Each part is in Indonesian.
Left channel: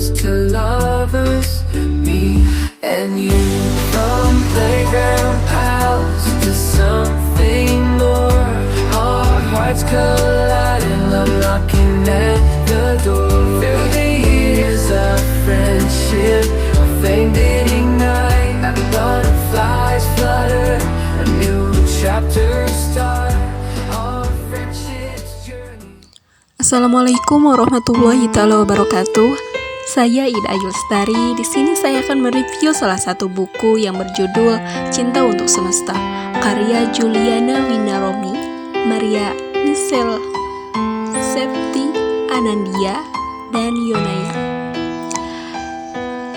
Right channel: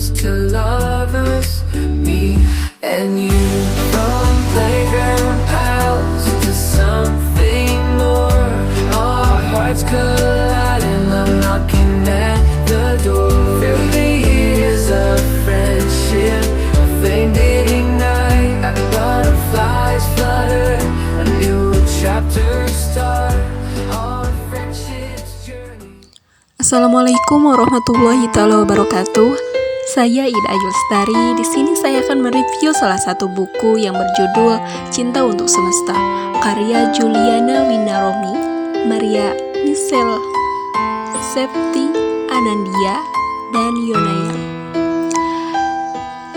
friends to lovers, me and you. From playground pals to something more, our hearts colliding, love knocking at the door. Through the years of friendship, a flame did ignite, butterflies flutter, a new chapter start, our friendship's journey. Assalamualaikum warahmatullahi taala wabarakatuh. Saya Ida Ayu Lestari. Di sini saya akan mereview salah satu buku yang berjudul Cinta untuk Semesta, karya Juliana Winaromi, Maria Michelle Septi Anandia, dan Yonaya.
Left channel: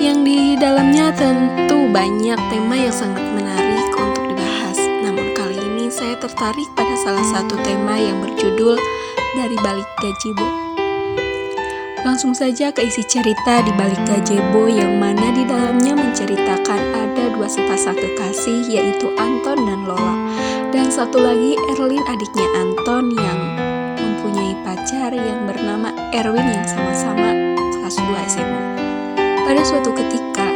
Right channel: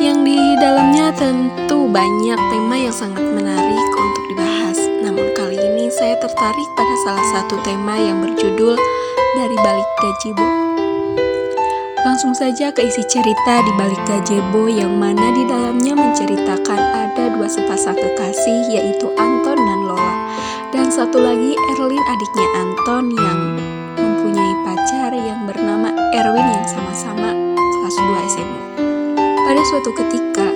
Yang di dalamnya tentu banyak tema yang sangat menarik untuk dibahas. Namun kali ini saya tertarik pada salah satu tema yang berjudul Dari Balik Gazebo. Langsung saja ke isi cerita di balik gazebo, yang mana di dalamnya menceritakan ada dua sepasang kekasih, yaitu Anton dan Lola. Dan satu lagi Erlin, adiknya Anton, yang mempunyai pacar yang bernama Erwin yang sama-sama kelas 2 SMA. Pada suatu ketika,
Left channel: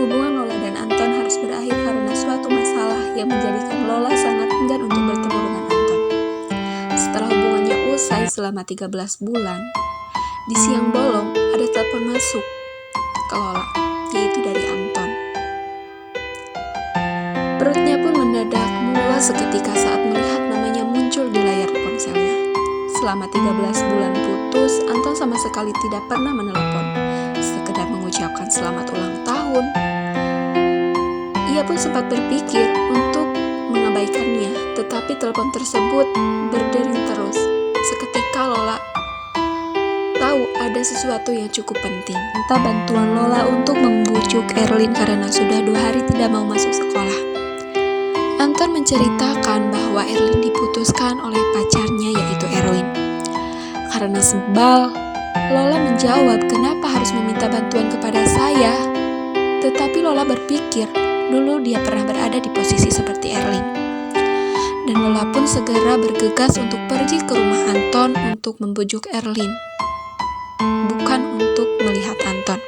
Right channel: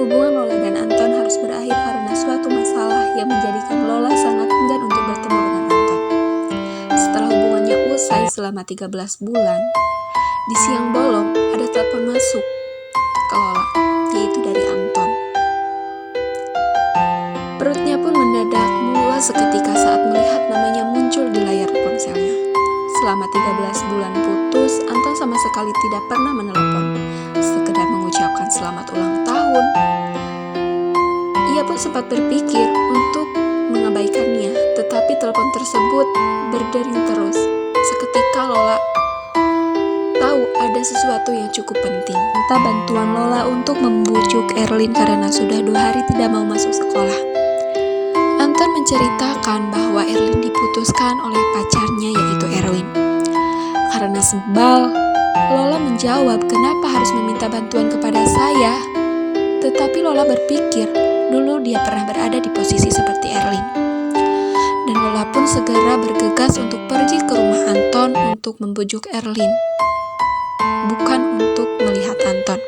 hubungan Lola dan Anton harus berakhir karena suatu masalah yang menjadikan Lola sangat enggan untuk bertemu dengan Anton. Setelah hubungannya usai selama 13 bulan, di siang bolong ada telepon masuk ke Lola, yaitu dari Anton. Perutnya pun mendadak mulas seketika saat melihat namanya muncul di layar ponselnya. Selama 13 bulan putus, Anton sama sekali tidak pernah menelepon, sekedar mengucapkan selamat ulang tahun. Ia pun sempat berpikir untuk mengabaikannya, tetapi telepon tersebut berdering terus. Seketika Lola tahu ada sesuatu yang cukup penting. Minta bantuan Lola untuk membujuk Erlin karena sudah 2 hari tidak mau masuk sekolah. Anton menceritakan bahwa Erlin diputuskan oleh pacarnya, yaitu Erwin. Karena sebal, Lola menjawab, "Kenapa harus meminta bantuan kepada saya?" Tetapi Lola berpikir, dulu dia pernah berada di posisi seperti Erlin. Dan Lola pun segera bergegas untuk pergi ke rumah Anton untuk membujuk Erlin, bukan untuk melihat Anton.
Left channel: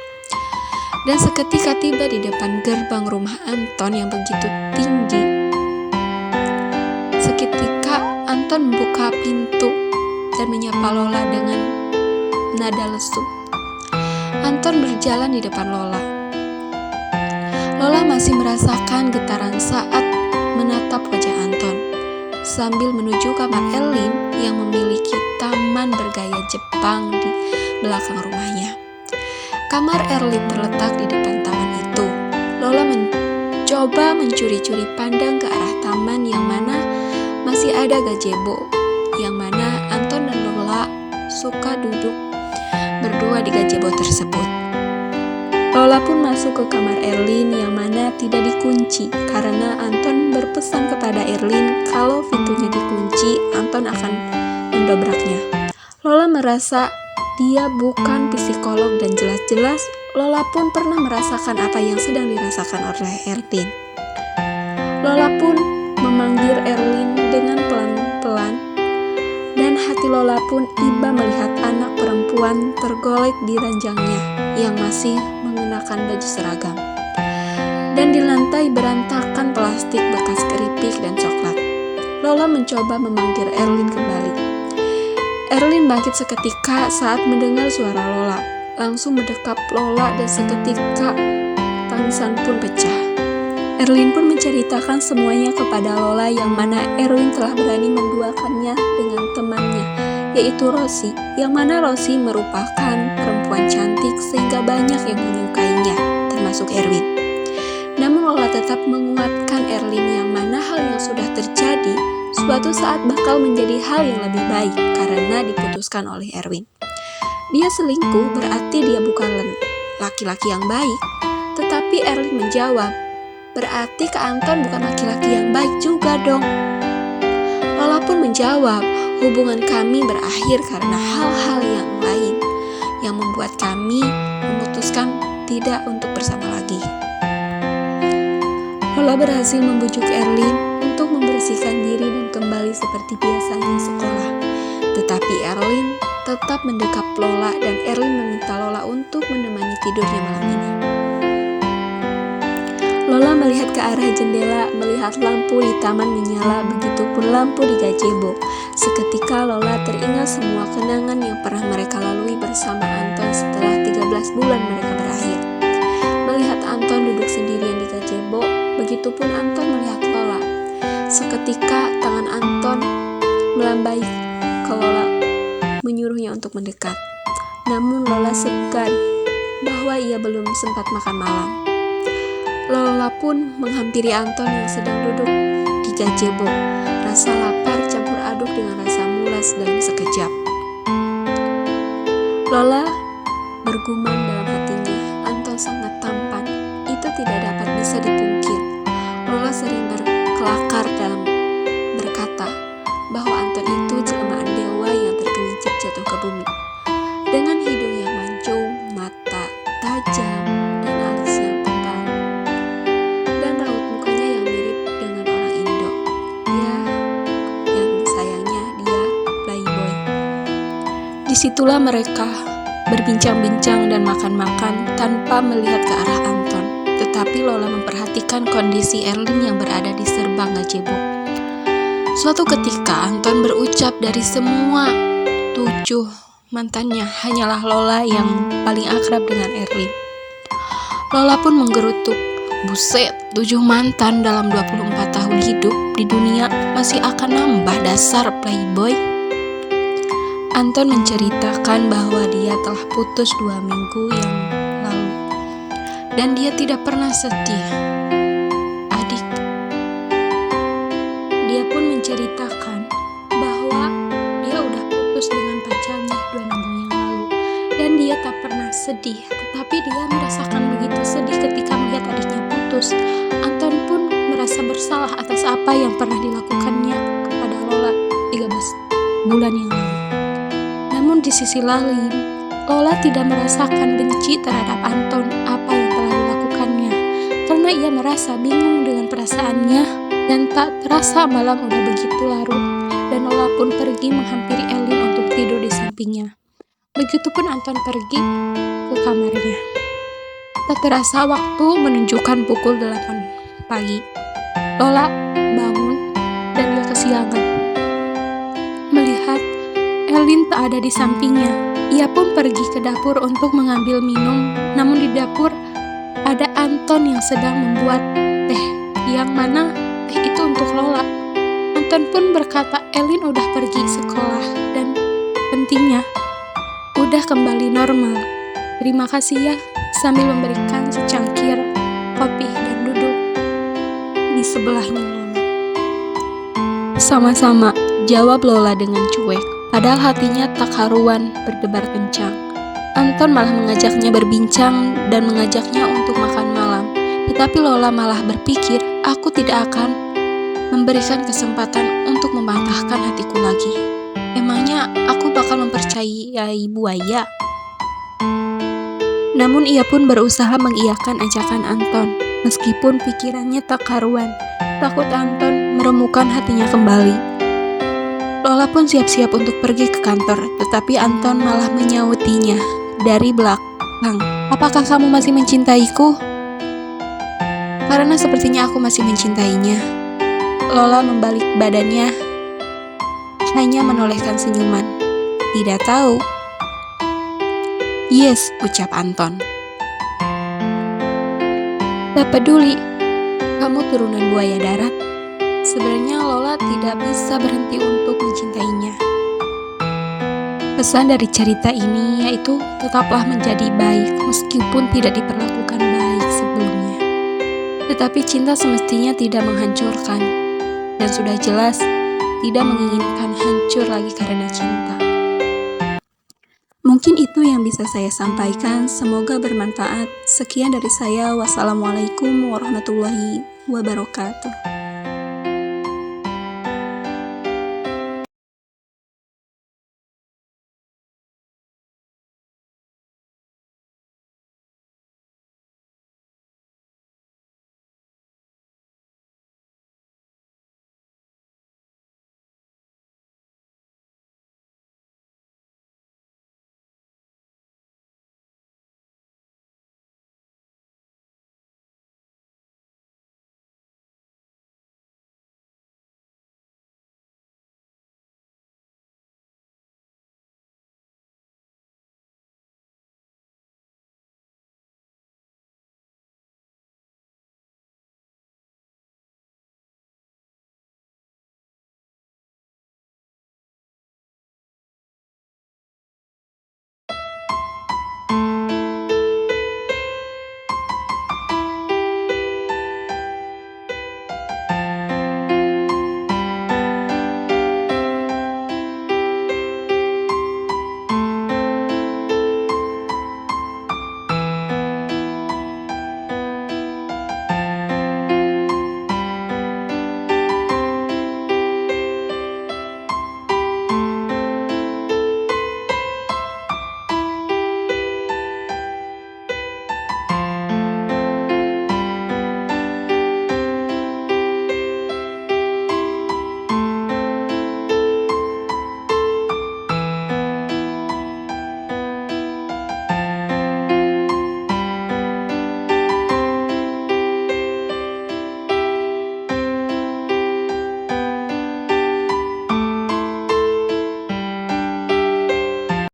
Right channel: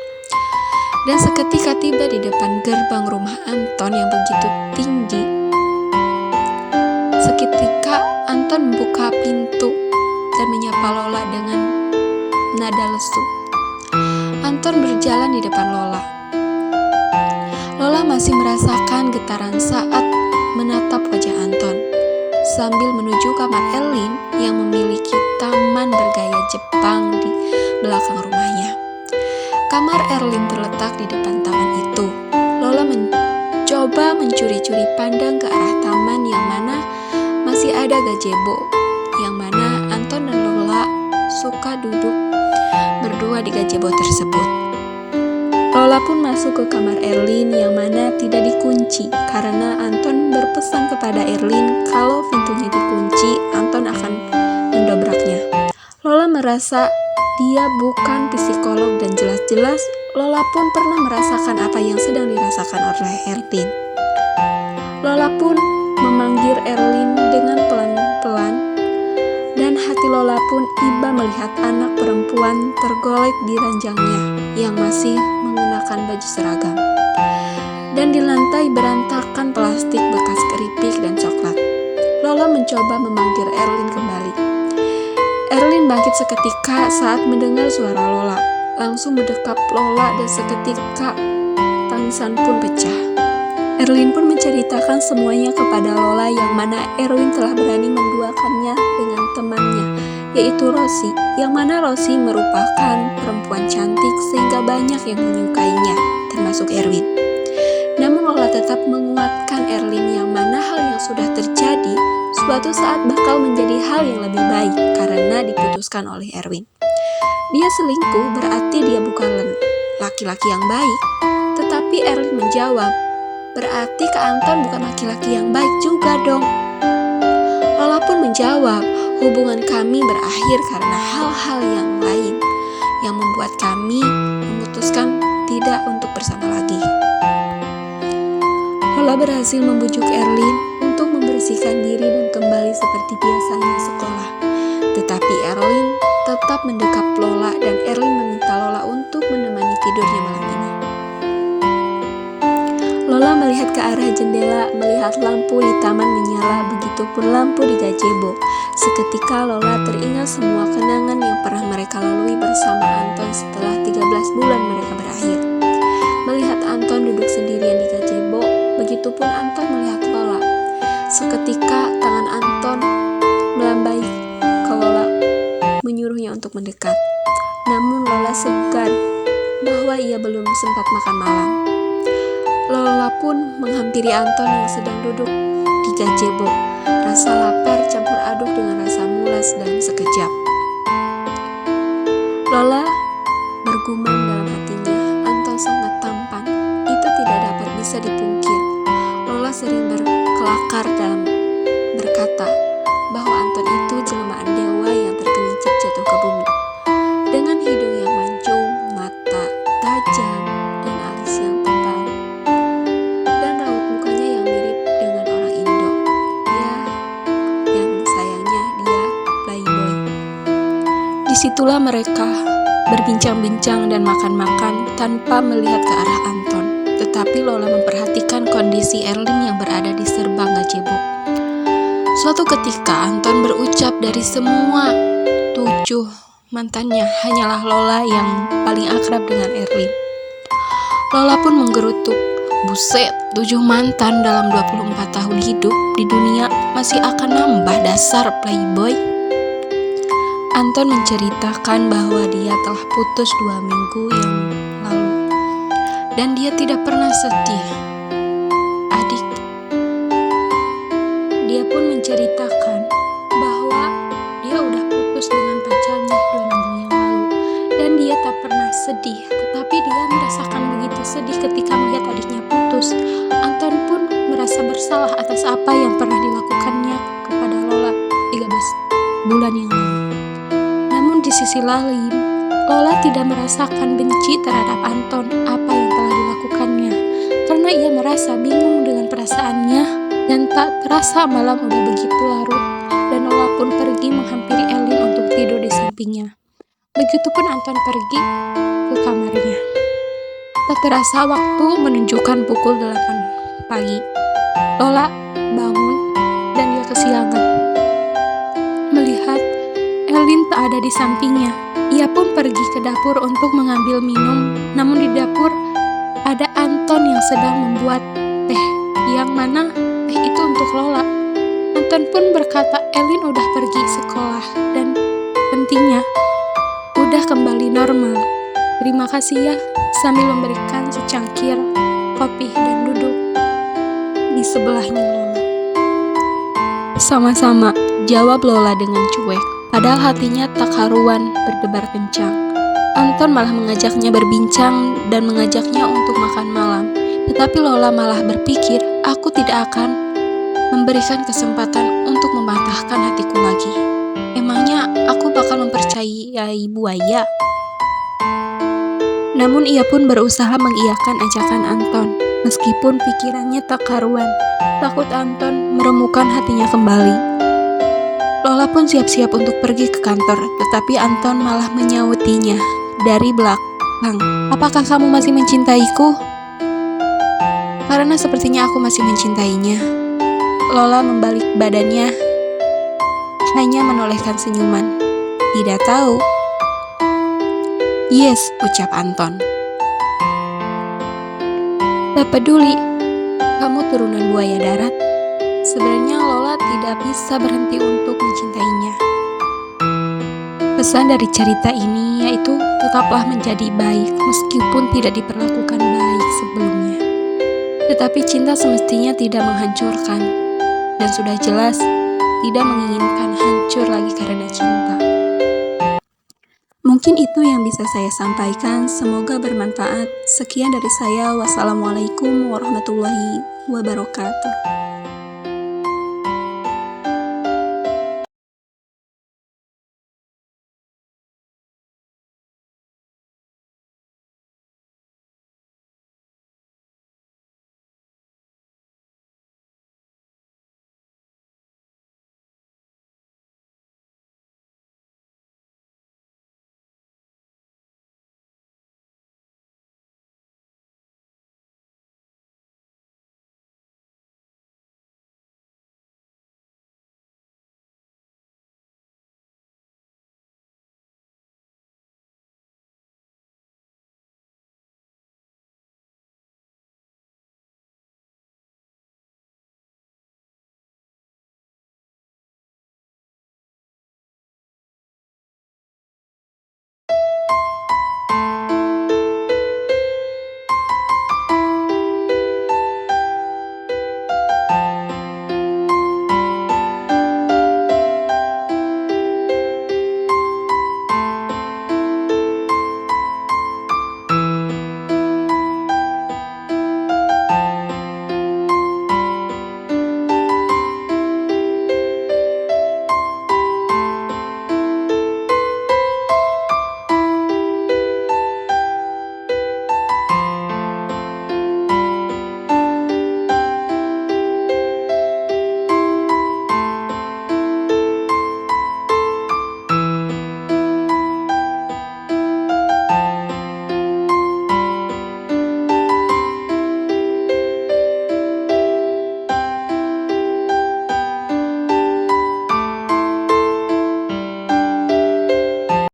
Dan seketika tiba di depan gerbang rumah Anton yang begitu tinggi, seketika Anton membuka pintu dan menyapa Lola dengan nada lesu. Anton berjalan di depan Lola. Lola masih merasakan getaran saat menatap wajah Anton, sambil menuju kamar Erlin yang memiliki taman bergaya Jepang di belakang rumahnya. Kamar Erlin terletak di depan taman itu. Lola mencoba mencuri-curi pandang ke arah taman yang mana masih ada gazebo, yang mana Anton dan Lola suka duduk berdua di gazebo tersebut. Lola pun masuk ke kamar Erlin yang mana tidak dikunci, karena Anton berpesan kepada Erlin kalau pintunya dikunci, Anton akan mendobraknya. Lola merasa dia bukan psikolog dan jelas-jelas Lola pun pernah merasakan apa yang sedang dirasakan oleh Erlin. Lola pun memanggil Erlin dengan pelan-pelan, dan hati Lola pun iba melihat anak perempuan tergolek di ranjangnya yang masih mengenakan baju seragam. Dan di lantai berantakan plastik bekas keripik dan coklat. Lola mencoba memanggil Erlin kembali. Erlin bangkit seketika saat mendengar suara Lola, langsung mendekap Lola dan seketika tangisan pun pecah. Erlin pun menceritakan semuanya kepada Lola, yang mana Erwin telah berani menduakannya dengan temannya, yaitu Rosi, yang mana Rosi merupakan perempuan cantik sehingga banyak yang menyukainya, termasuk Erwin. Namun Lola tetap menguatkan Erlin, yang mana hal yang sudah terjadi suatu saat bakal menjadi hal yang lebih baik karena diputuskan oleh Erwin. Dia selingkuh berarti dia bukan laki-laki yang baik. Tetapi Erlin menjawab, "Berarti Kak Anton bukan laki-laki yang baik juga dong." Lola pun menjawab, "Hubungan kami berakhir karena hal-hal yang lain yang membuat kami memutuskan tidak untuk bersama lagi." Lola berhasil membujuk Erlin membersihkan diri dan kembali seperti biasanya sekolah. Tetapi Erlin tetap mendekap Lola dan Erlin meminta Lola untuk menemani tidurnya malam ini. Lola melihat ke arah jendela, melihat lampu di taman menyala, begitupun lampu di gazebo. Seketika Lola teringat semua kenangan yang pernah mereka lalui bersama Anton setelah 13 bulan mereka berakhir. Melihat Anton duduk sendirian di gazebo, begitupun Anton melihat Lola. Seketika tangan Anton melambai ke Lola, menyuruhnya untuk mendekat. Namun Lola segan bahwa ia belum sempat makan malam. Lola pun menghampiri Anton yang sedang duduk di gazebo. Rasa lapar campur aduk dengan rasa mulas dalam sekejap. Lola bergumam dalam hatinya, Anton sangat tampan. Itu tidak dapat bisa dipungkir. Lola sering berkelakar dalam berkata bahwa Anton itu jelmaan dewa yang tergelincir jatuh ke bumi. Dengan hidung yang mancung, mata tajam, dan alis yang tebal, dan raut mukanya yang mirip dengan orang Indo. Ya, yang sayangnya dia playboy. Disitulah mereka berbincang-bincang dan makan-makan tanpa melihat ke arah Anton. Tetapi Lola memperhatikan kondisi Erlin yang berada di serbang gazebo. Suatu ketika Anton berucap dari semua 7 mantannya, hanyalah Lola yang paling akrab dengan Erlin. Lola pun menggerutuk, buset, 7 mantan dalam 24 tahun hidup di dunia, masih akan nambah dasar playboy. Anton menceritakan bahwa dia telah putus 2 minggu yang lalu, dan dia tidak pernah sedih. Adik, dia pun menceritakan bahwa dia udah putus dengan pacarnya 2 minggu yang lalu, dan dia tak pernah sedih, tetapi dia merasakan begitu sedih ketika melihat adiknya putus. Anton pun merasa bersalah atas apa yang pernah dilakukannya kepada Lola 13 bulan yang lalu. Namun di sisi lain, Lola tidak merasakan benci terhadap Anton apa yang telah dilakukannya, karena ia merasa bingung dengan perasaannya, dan tak terasa malam udah begitu larut, dan Lola pun pergi menghampiri Erlin untuk tidur di sampingnya. Begitupun Anton pergi ke kamarnya. Tak terasa waktu menunjukkan pukul 8 pagi. Lola bangun dan dia kesiangan. Melihat Erlin tak ada di sampingnya, ia pun pergi ke dapur untuk mengambil minum. Namun di dapur ada Anton yang sedang membuat teh, yang mana teh itu untuk Lola. Anton pun berkata Erlin udah pergi sekolah dan pentingnya udah kembali normal. Terima kasih ya, sambil memberikan secangkir kopi dan duduk di sebelahnya Lola. Sama-sama, jawab Lola dengan cuek. Padahal hatinya tak karuan berdebar kencang. Anton malah mengajaknya berbincang dan mengajaknya untuk makan malam. Tetapi Lola malah berpikir, aku tidak akan memberikan kesempatan untuk membantahkan hatiku lagi. Emangnya aku bakal mempercayai buaya? Namun ia pun berusaha mengiyakan ajakan Anton, meskipun pikirannya tak karuan. Takut Anton meremukan hatinya kembali. Lola pun siap-siap untuk pergi ke kantor, tetapi Anton malah menyautinya dari belakang. Apakah kamu masih mencintaiku? Karena sepertinya aku masih mencintainya. Lola membalik badannya, hanya menolehkan senyuman. Tidak tahu. Yes, ucap Anton. Tak peduli, kamu turunan buaya darat. Sebenarnya Lola tidak bisa berhenti untuk mencintainya. Pesan dari cerita ini yaitu tetaplah menjadi baik meskipun tidak diperlakukan baik sebelumnya. Tetapi cinta semestinya tidak menghancurkan, dan sudah jelas tidak menginginkan hancur lagi karena cinta. Mungkin itu yang bisa saya sampaikan, semoga bermanfaat. Sekian dari saya, wassalamualaikum warahmatullahi wabarakatuh.